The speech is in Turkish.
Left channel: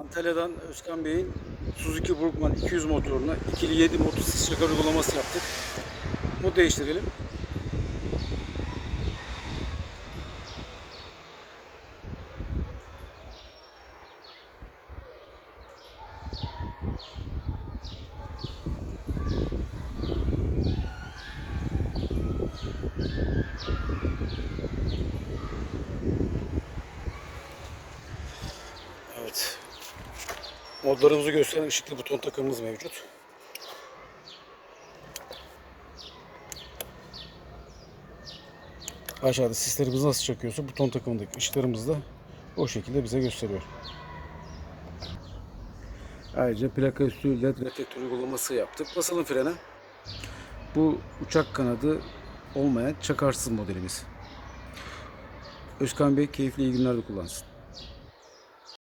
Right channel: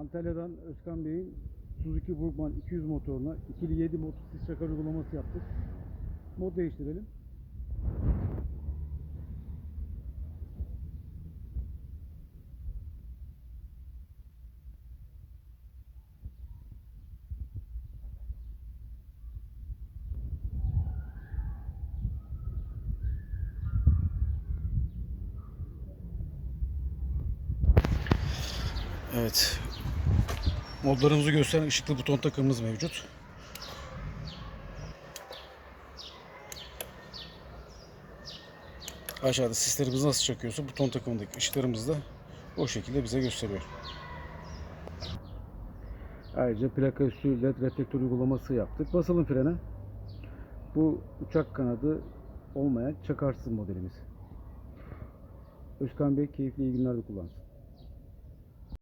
Antalya'dan Özkan Bey'in Suzuki Burgman 200 motoruna ikili 7 motosiklet şaka uygulaması yaptık. Mod değiştirelim. Evet. Modlarımızı gösteren ışıklı buton takımımız mevcut. Aşağıda sislerimiz nasıl çakıyorsa buton takımındaki ışıklarımız da o şekilde bize gösteriyor. Ayrıca plaka üstü led reflektör uygulaması yaptık. Basalım frene. Bu uçak kanadı olmayan çakarsız modelimiz. Özkan Bey keyifli iyi günlerde kullansın.